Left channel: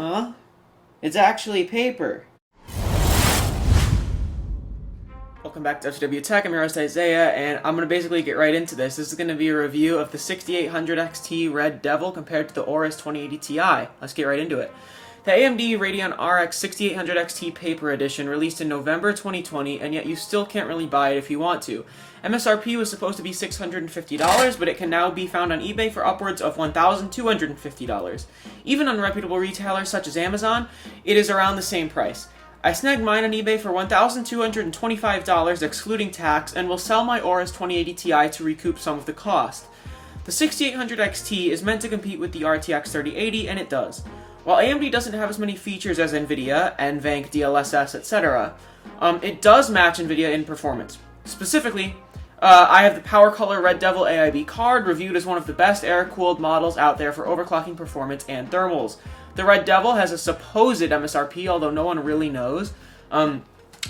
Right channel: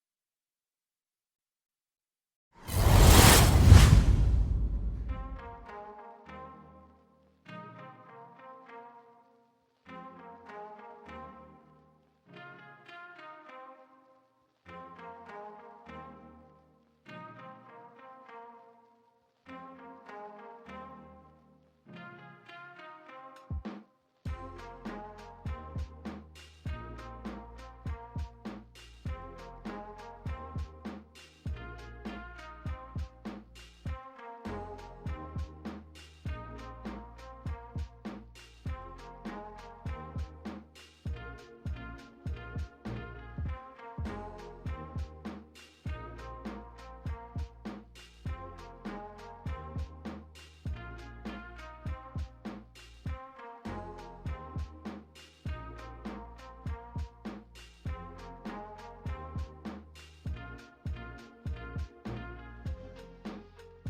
Huh? It's actually paper. Welcome back to FTW Tech. I'm your host Isaiah, and I'm going to basically get right into this. This is going to be a review of the 6800 XT Red Devil compared to the Aorus 2080 Ti. Let's get right into it. The AMD Radeon RX 6800 XT Paper Edition released in November 2020, and yet you still can't really buy it if you want to. MSRP was supposed to be $650, but it can now be found on eBay for upwards of $1,250. Even on reputable retailers such as Amazon, it is around the same price. I snagged mine on eBay for $1,225 excluding tax, and will sell my Aorus 2080 Ti to recoup some of the cost. The 6800 XT is meant to compete with the RTX 3080, and it does. While AMD doesn't have as many features as Nvidia, NVENC, DLSS, etc., it does match Nvidia in performance. Specifically, I have the PowerColor Red Devil AIB card, reviewed as one of the best air-cooled models out there for overclocking performance and thermals. The Red Devil has a supposed MSRP, although no one really knows, of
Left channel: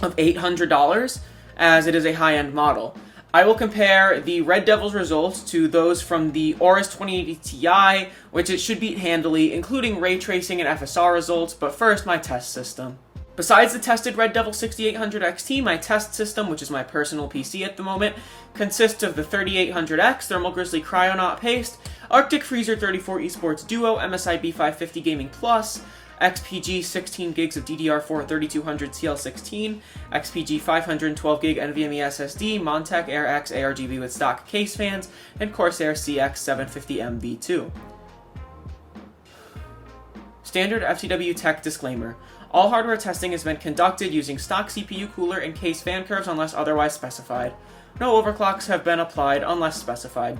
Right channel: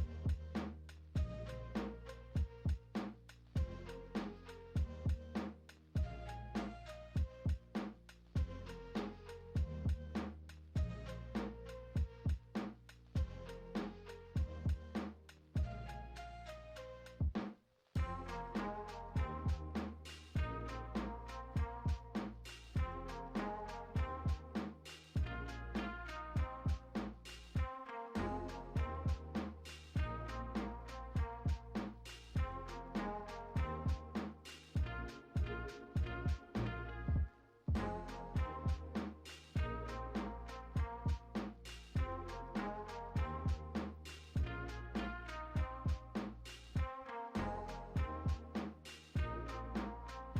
$800, as it is a high-end model. I will compare the Red Devil's results to those from the Aorus 2080 Ti, which it should beat handily, including ray tracing and FSR results, but first, my test system. Besides the tested Red Devil 6800 XT, my test system, which is my personal PC at the moment, consists of the 3800X Thermal Grizzly Cryonaut Paste, Arctic Freezer 34 Esports Duo MSI B550 Gaming Plus, XPG 16 gigs of DDR4 3200 CL16, XPG 512 gig NVMe SSD, Montech Air X ARGB with stock case fans, and Corsair CX750M V2. Standard FTW Tech disclaimer. All hardware testing has been conducted using stock CPU cooler and case fan curves unless otherwise specified. No overclocks have been applied unless specified.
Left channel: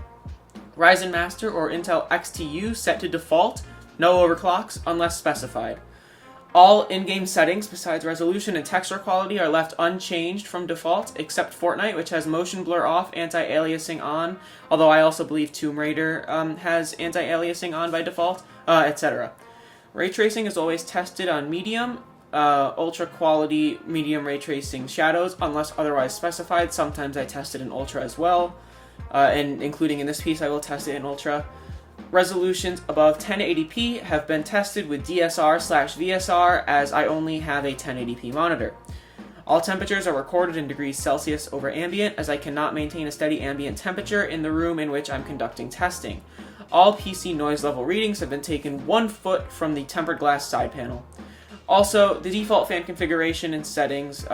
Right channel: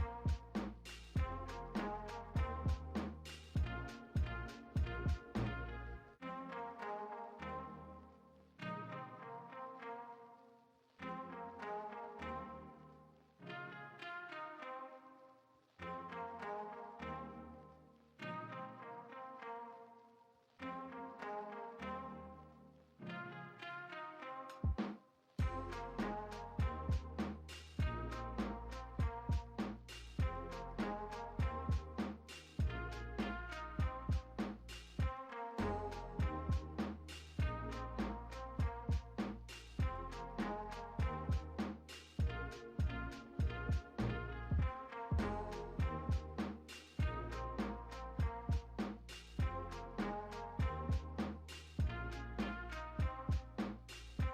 Ryzen Master or Intel XTU set to default. No overclocks unless specified. All in-game settings besides resolution and texture quality are left unchanged from default, except Fortnite, which has motion blur off, anti-aliasing on, although I also believe Tomb Raider has anti-aliasing on by default, etc. Ray tracing is always tested on medium, ultra quality medium ray tracing shadows unless otherwise specified. Sometimes I test it in ultra as well, and including in this piece I will test it in ultra. Resolutions above 1080p have been tested with DSR/VSR, as I only have a 1080p monitor. All temperatures are recorded in degrees Celsius over ambient, as I cannot maintain a steady ambient temperature in the room in which I'm conducting testing. All PC noise level readings have been taken 1 foot from the tempered glass side panel. Also, the default fan configuration and settings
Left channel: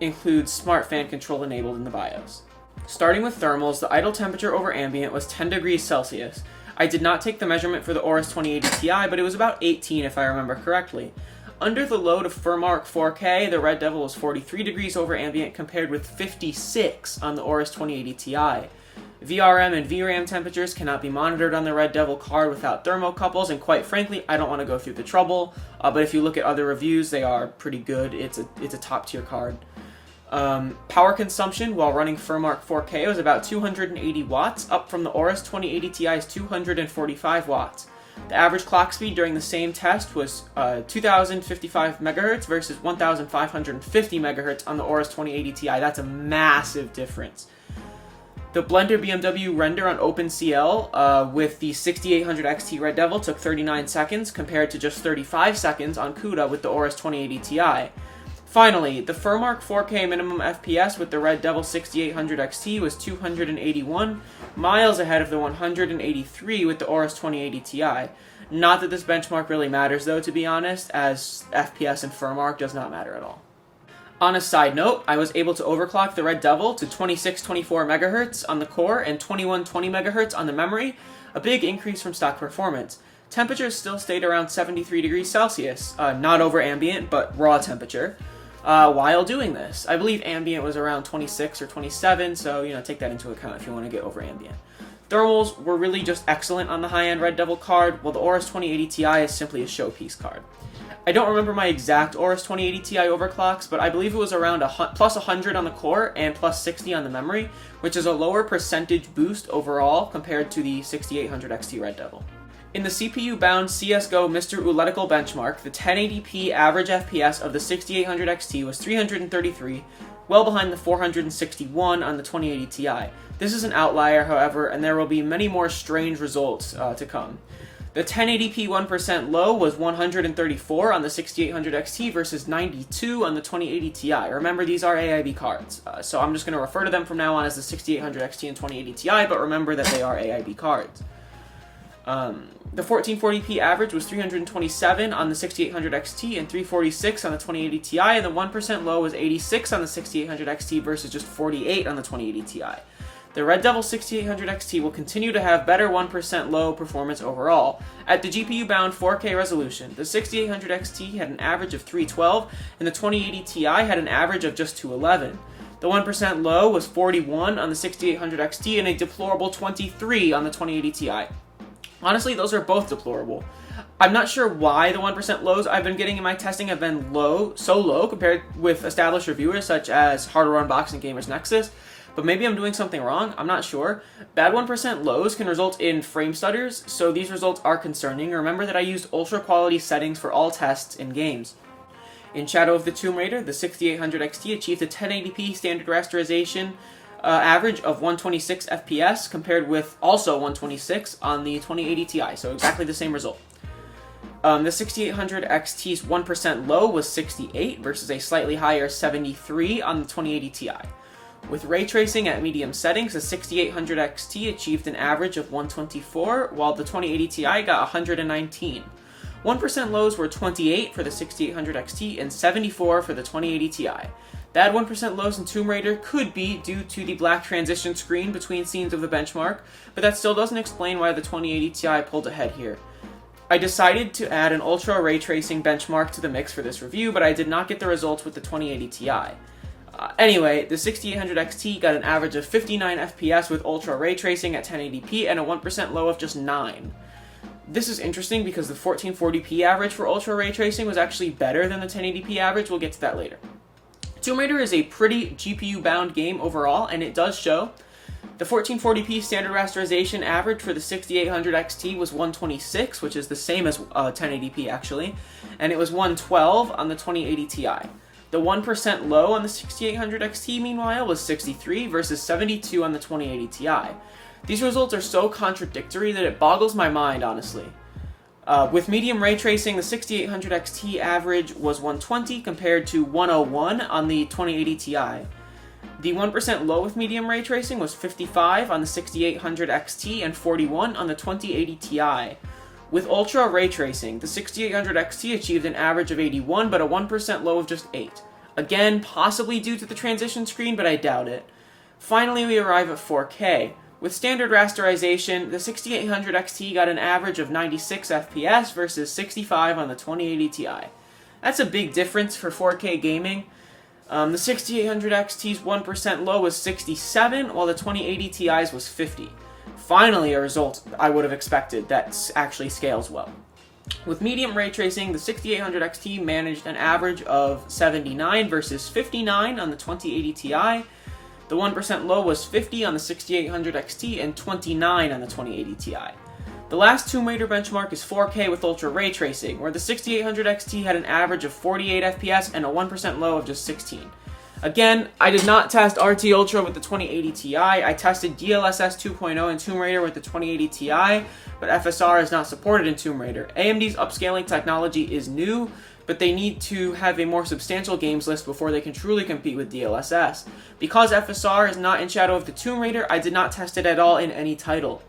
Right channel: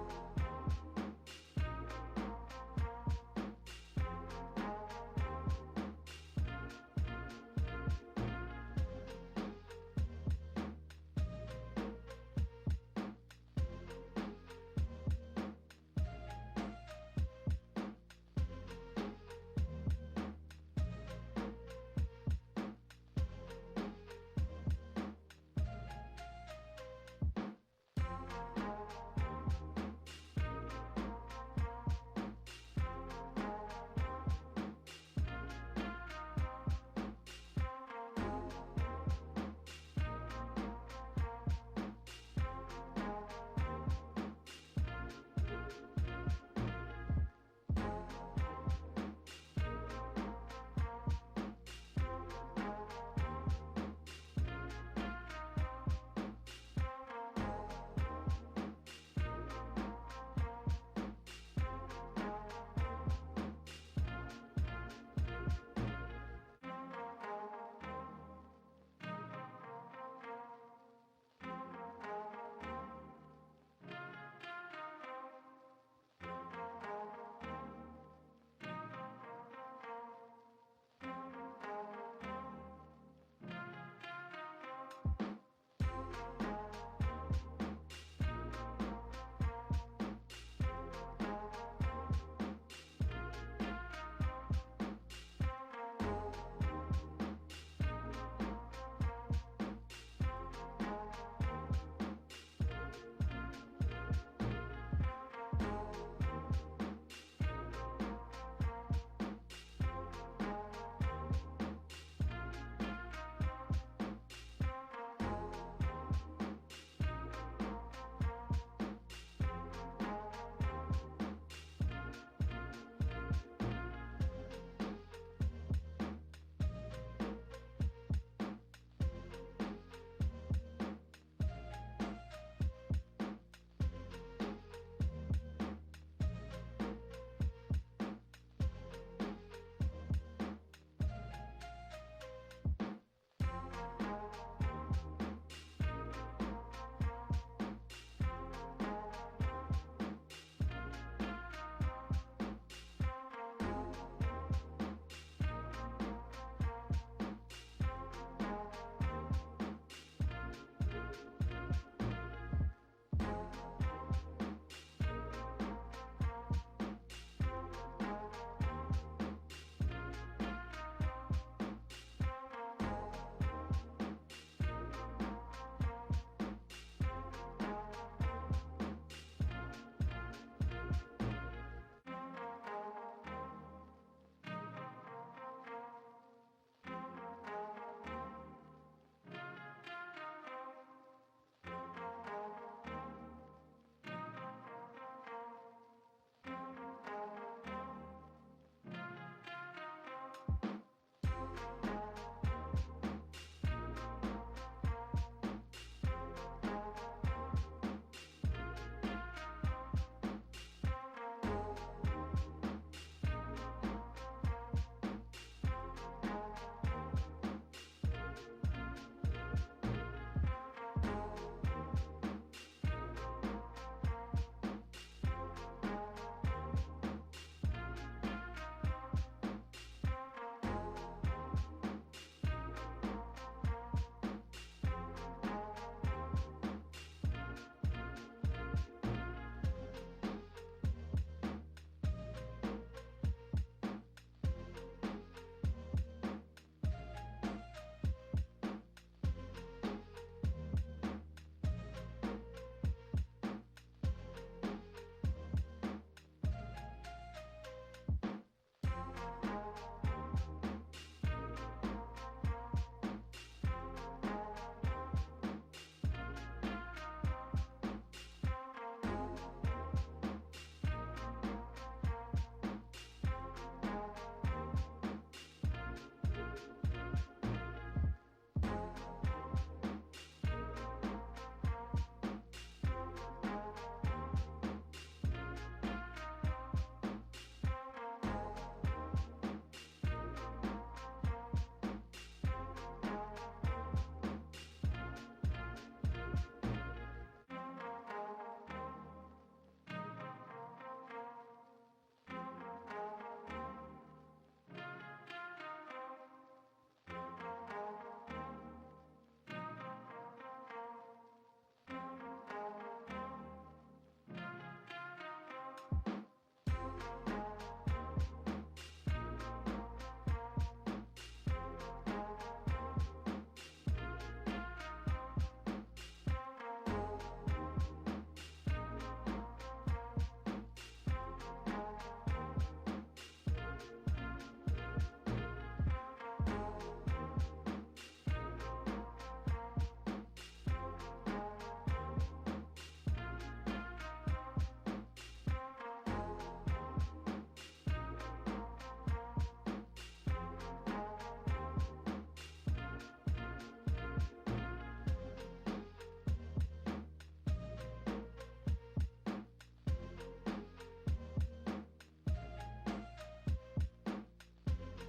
include smart fan control enabled in the BIOS. Starting with thermals, the idle temperature over ambient was 10 degrees Celsius. I did not take the measurement for the Aorus 2080 Ti, but it was about 18 if I remember correctly. Under the load of FurMark 4K, the Red Devil was 43 degrees over ambient compared with 56 on the Aorus 2080 Ti. VRM and VRAM temperatures cannot be monitored on the Red Devil card without thermocouples, and quite frankly, I don't want to go through the trouble, but if you look at other reviews, they are pretty good. It's a top-tier card. Power consumption while running FurMark 4K was about 280 watts, up from the Aorus 2080 Ti's 245 watts. The average clock speed during the same test was 2055 MHz versus 1550 MHz on the Aorus 2080 Ti. That's a massive difference. The Blender BMW render on OpenCL with the 6800 XT Red Devil took 39 seconds compared to just 35 seconds on CUDA with the Aorus 2080 Ti. Finally, the FurMark 4K minimum FPS with the Red Devil 6800 XT was 281, miles ahead of the 183 with the Aorus 2080 Ti. Not that this benchmark really matters though, to be honest, as FPS and FurMark does not matter at all. On a side note, I was able to overclock the Red Devil to 2624 MHz on the core and 2120 MHz on the memory, a big increase from stock performance. Temperatures still stayed around 73 degrees Celsius, not over ambient, but raw temperature, while doing this. I believe ambient was around 26 or 27, so, take that into account if you want to get over ambient. Thermals were really just excellent on the high-end Red Devil card, while the Aorus 2080 Ti is simply a showpiece card. I don't remember my exact Aorus 2080 Ti overclocks, but I believe it was around plus 100 on the core and plus 60 on the memory, which is a lower percentage boost overall compared to the 6800 XT Red Devil. In the CPU-bound CSGO Mr. Ooletical benchmark, the 1080p average FPS of the 6800 XT was 333, well behind the 461 on the 2080 Ti. This is an outlier, however, and there will be many more strange results to come. The 1080p 1% low was 134 on the 6800 XT versus 92 on the 2080 Ti. Remember, these are AIB cards, so I'm just going to refer to them from now on as the 6800 XT and 2080 Ti, but remember that they are AIB cards. The 1440p average was 327 on the 6800 XT and 346 on the 2080 Ti, and the 1% low was 86 on the 6800 XT versus just 48 on the 2080 Ti. The Red Devil 6800 XT will continue to have better 1% low performance overall. At the GPU-bound 4K resolution, the 6800 XT had an average of 312, and the 2080 Ti had an average of just 211. The 1% low was 41 on the 6800 XT and a deplorable 23 on the 2080 Ti. Honestly, those are both deplorable. I'm not sure why the 1% lows I've been getting in my testing have been so low compared with established reviewers such as Hardware Unboxing Gamers Nexus, but maybe I'm doing something wrong, I'm not sure. Bad 1% lows can result in frame stutters, so these results are concerning. Remember that I used ultra quality settings for all tests in games. In Shadow of the Tomb Raider, the 6800 XT achieved a 1080p standard rasterization average of 126 FPS compared with also 126 on the 2080 Ti, so exactly the same result. The 6800 XT's 1% low was 68 versus a slightly higher 73 on the 2080 Ti. With ray tracing at medium settings, the 6800 XT achieved an average of 124, while the 2080 Ti got 119. 1% lows were 28 for the 6800 XT and 74 for the 2080 Ti. Bad 1% lows in Tomb Raider could be due to the black transition screen between scenes of the benchmark, but that still doesn't explain why the 2080 Ti pulled ahead here. I decided to add an ultra ray tracing benchmark to the mix for this review, but I did not get the results with the 2080 Ti. Anyway, the 6800 XT got an average of 59 FPS with ultra ray tracing at 1080p and a 1% low of just 9. This is interesting because the 1440p average for ultra ray tracing was actually better than the 1080p average. We'll get to that later. Tomb Raider is a pretty GPU-bound game overall, and it does show. The 1440p standard rasterization average for the 6800 XT was 126, which is the same as 1080p actually, and it was 112 on the 2080 Ti. The 1% low on the 6800 XT, meanwhile, was 63 versus 72 on the 2080 Ti. These results are so contradictory that it boggles my mind, honestly. With medium ray tracing, the 6800 XT average was 120 compared to 101 on the 2080 Ti. The 1% low with medium ray tracing was 55 on the 6800 XT and 41 on the 2080 Ti. With ultra ray tracing, the 6800 XT achieved an average of 81 but a 1% low of just 8. Again, possibly due to the transition screen, but I doubt it. Finally, we arrive at 4K. With standard rasterization, the 6800 XT got an average of 96 FPS versus 65 on the 2080 Ti. That's a big difference for 4K gaming. The 6800 XT's 1% low was 67, while the 2080 Ti's was 50. Finally, a result I would have expected that actually scales well. With medium ray tracing, the 6800 XT managed an average of 79 versus 59 on the 2080 Ti. The 1% low was 50 on the 6800 XT and 29 on the 2080 Ti. The last Tomb Raider benchmark is 4K with ultra ray tracing, where the 6800 XT had an average of 48 FPS and a 1% low of just 16. Again, I did not test RT Ultra with the 2080 Ti. I tested DLSS 2.0 in Tomb Raider with the 2080 Ti, but FSR is not supported in Tomb Raider. AMD's upscaling technology is new, but they need to have a more substantial games list before they can truly compete with DLSS. Because FSR is not in Shadow of the Tomb Raider, I did not test it at all in any title.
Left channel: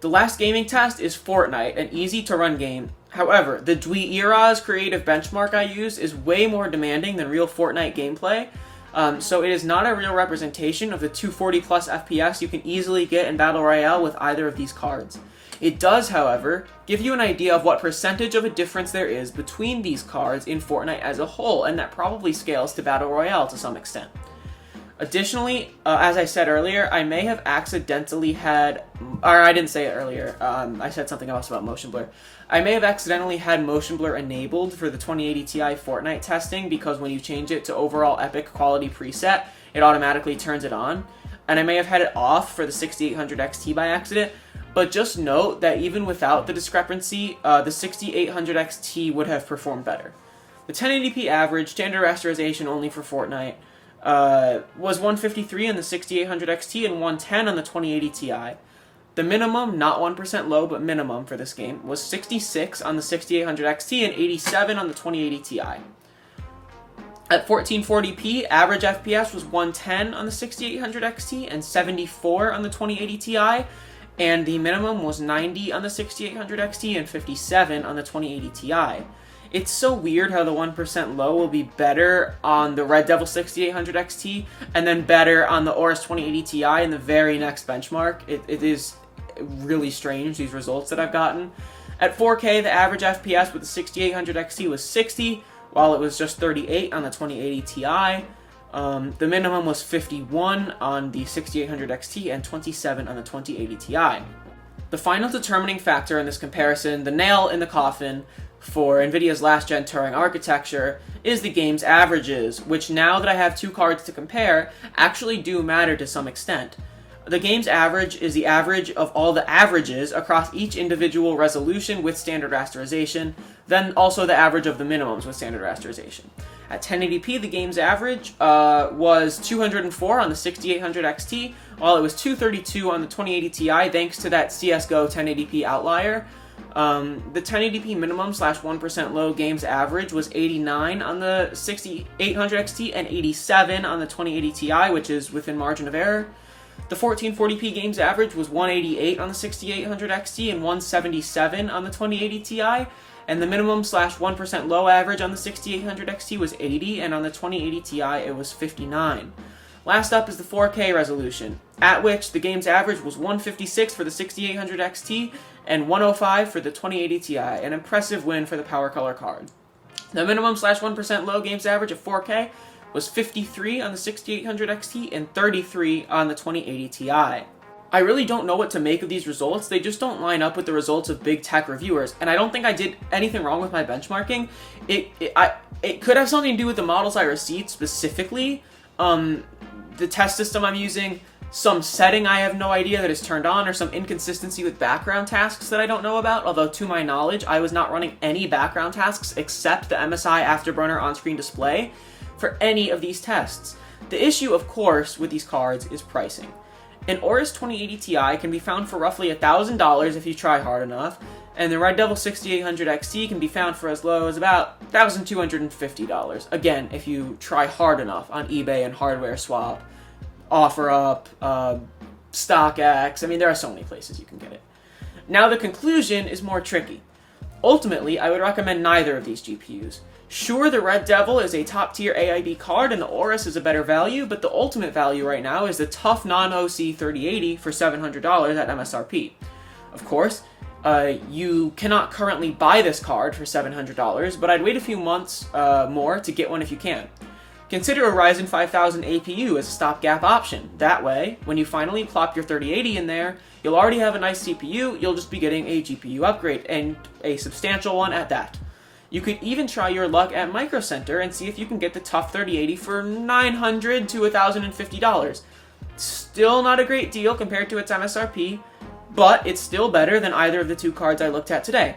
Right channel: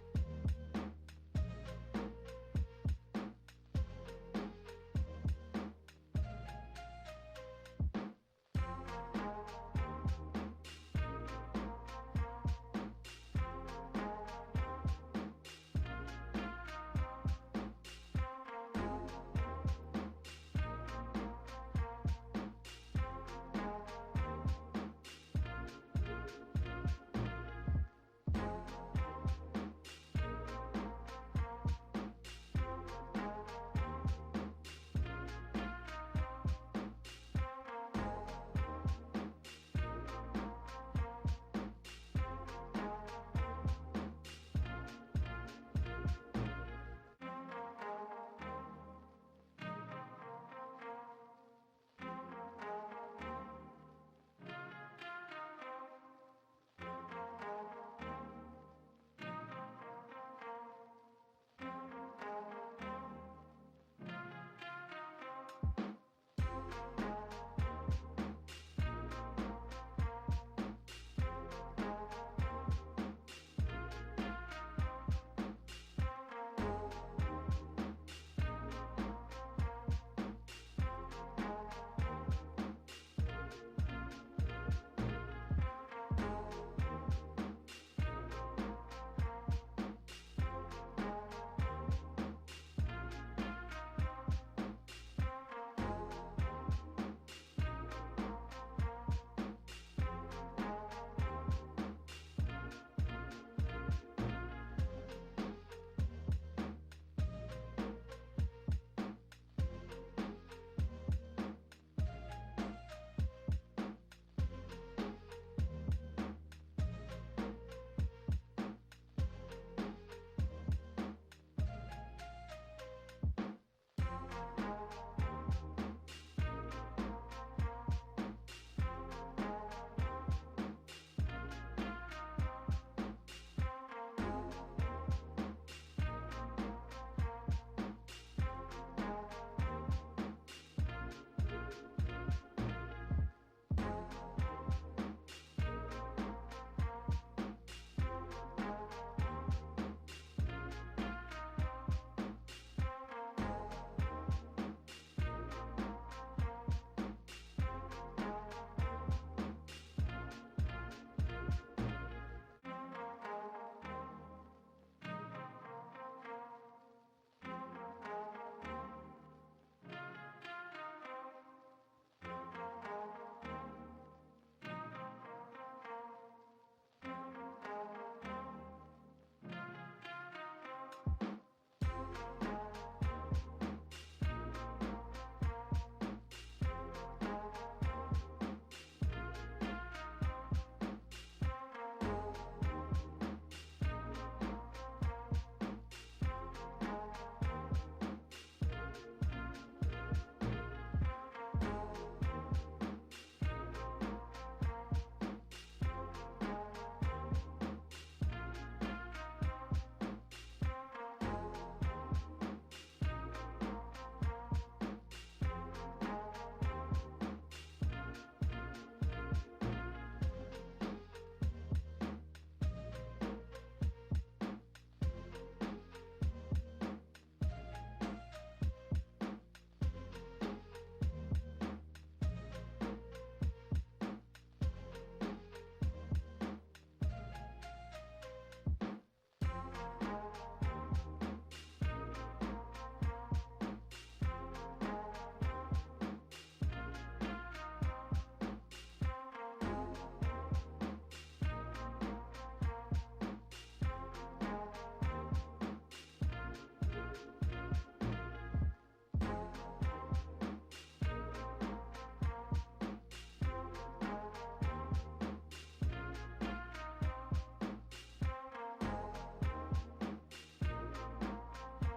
The last gaming test is Fortnite, an easy-to-run game. However, the Dweera's creative benchmark I used is way more demanding than real Fortnite gameplay, so it is not a real representation of the 240 plus FPS you can easily get in Battle Royale with either of these cards. It does, however, give you an idea of what percentage of a difference there is between these cards in Fortnite as a whole, and that probably scales to Battle Royale to some extent. Additionally, as I said earlier, I may have accidentally had, or I didn't say it earlier, I said something else about motion blur. I may have accidentally had motion blur enabled for the 2080 Ti Fortnite testing because when you change it to overall epic quality preset, it automatically turns it on. And I may have had it off for the 6800 XT by accident, but just note that even without the discrepancy, the 6800 XT would have performed better. The 1080p average, standard rasterization only for Fortnite, was 153 on the 6800 XT and 110 on the 2080 Ti. The minimum, not 1% low, but minimum for this game, was 66 on the 6800 XT and 87 on the 2080 Ti. At 1440p, average FPS was 110 on the 6800 XT and 74 on the 2080 Ti, and the minimum was 90 on the 6800 XT and 57 on the 2080 Ti. It's so weird how the 1% low will be better on the Red Devil 6800 XT and then better on the Aorus 2080 Ti in the very next benchmark. It is really strange, these results that I've gotten. At 4K, the average FPS with the 6800 XT was 60, while it was just 38 on the 2080 Ti. The minimum was 51 on the 6800 XT and 27 on the 2080 Ti. The final determining factor in this comparison, the nail in the coffin for NVIDIA's last-gen Turing architecture, is the game's averages, which now that I have two cards to compare, actually do matter to some extent. The game's average is the average of all the averages across each individual resolution with standard rasterization, then also the average of the minimums with standard rasterization. At 1080p, the game's average was 204 on the 6800 XT, while it was 232 on the 2080 Ti, thanks to that CSGO 1080p outlier. The 1080p minimum / 1% low game's average was 89 on the 6800 XT and 87 on the 2080 Ti, which is within margin of error. The 1440p game's average was 188 on the 6800 XT and 177 on the 2080 Ti, and the minimum / 1% low average on the 6800 XT was 80, and on the 2080 Ti it was 59. Last up is the 4K resolution, at which the game's average was 156 for the 6800 XT and 105 for the 2080 Ti, an impressive win for the PowerColor card. The minimum / 1% low game's average of 4K was 53 on the 6800 XT and 33 on the 2080 Ti. I really don't know what to make of these results. They just don't line up with the results of big tech reviewers, and I don't think I did anything wrong with my benchmarking. It could have something to do with the models I received specifically, the test system I'm using, some setting I have no idea that is turned on, or some inconsistency with background tasks that I don't know about, although to my knowledge, I was not running any background tasks except the MSI Afterburner on-screen display for any of these tests. The issue, of course, with these cards is pricing. An Aorus 2080 Ti can be found for roughly $1,000 if you try hard enough, and the Red Devil 6800 XT can be found for as low as about $1,250. Again, if you try hard enough on eBay and Hardware Swap, OfferUp, StockX. I mean, there are so many places you can get it. Now the conclusion is more tricky. Ultimately, I would recommend neither of these GPUs. Sure, the Red Devil is a top-tier AIB card and the Aorus is a better value, but the ultimate value right now is the tough non-OC 3080 for $700 at MSRP. Of course, you cannot currently buy this card for $700, but I'd wait a few months more to get one if you can. Consider a Ryzen 5000 APU as a stopgap option. That way, when you finally plop your 3080 in there, you'll already have a nice CPU, you'll just be getting a GPU upgrade, and a substantial one at that. You could even try your luck at Micro Center and see if you can get the tough 3080 for $900 to $1,050. Still not a great deal compared to its MSRP, but it's still better than either of the two cards I looked at today.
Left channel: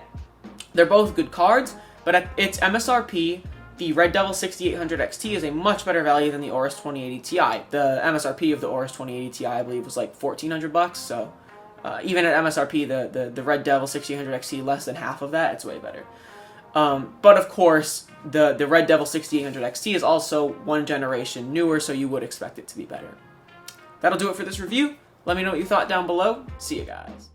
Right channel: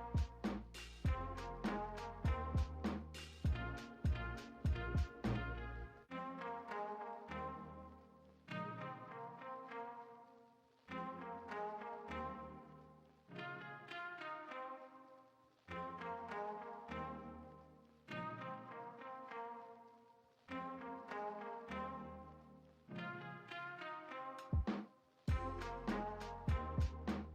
They're both good cards, but at its MSRP, the Red Devil 6800 XT is a much better value than the Aorus 2080 Ti. The MSRP of the Aorus 2080 Ti, I believe, was like $1,400, so even at MSRP, the Red Devil 6800 XT, less than half of that, it's way better. But of course, the Red Devil 6800 XT is also one generation newer, so you would expect it to be better. That'll do it for this review. Let me know what you thought down below. See you guys.